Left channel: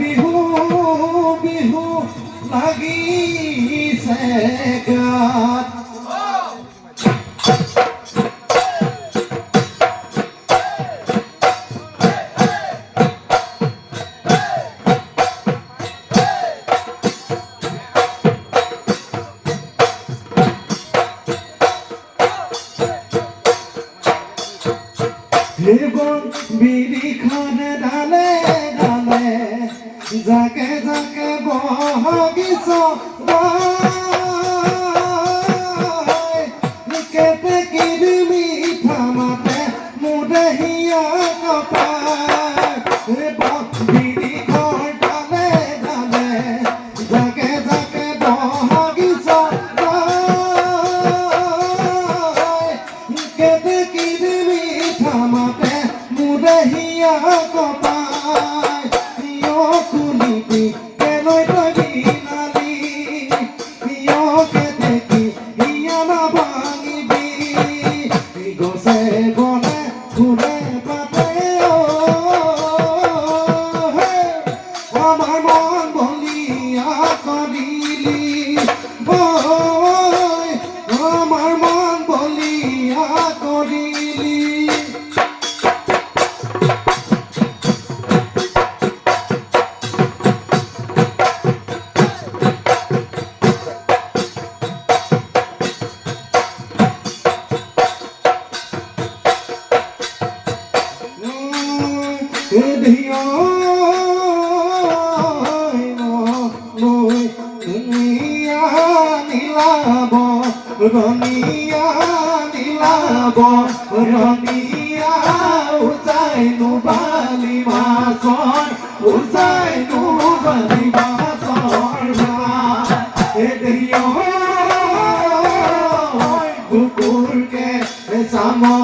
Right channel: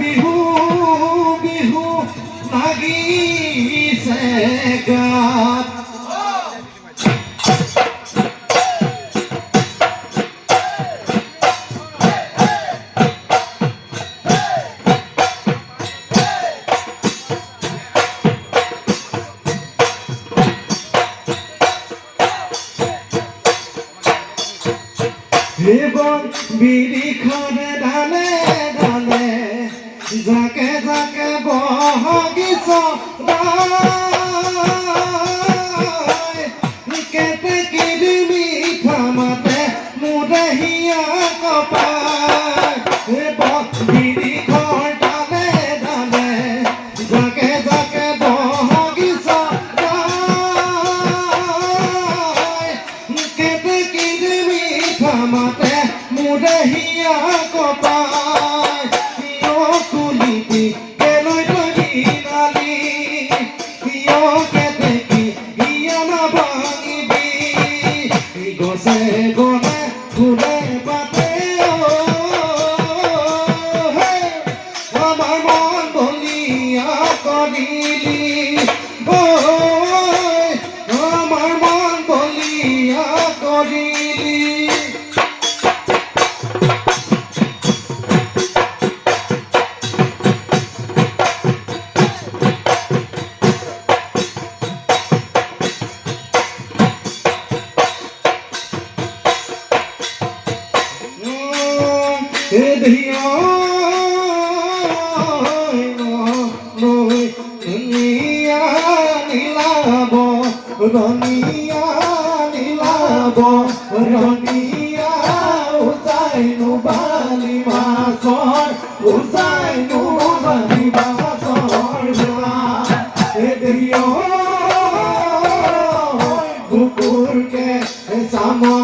বিহু বিহু লাগিছে গাত এবং বিড়ি খানে ঢালে ঢালে যাকে যাকে বহগিছ কেটে কিরি মিঠা মাতে মুদে হিয়া কপায় এবং বিড়ি ঘর ঢালে ঢালে যাকে যাকে বহগিছ কেটে কিরি মিঠা মাতে মুদে হিয়া কপায় তুলিবি কেলৈ তবি নালি কেতে কি হিয়া না ভাঙিবি গছে গনে ফুলে পাতে আমার মন বলিয়া করিলি আমার মন বলিয়া করিলি রনিয়া নীলাব রনিয়া উজাই নুবালি মাছর উজাই নুবালি মাছর কুকুরকে সামর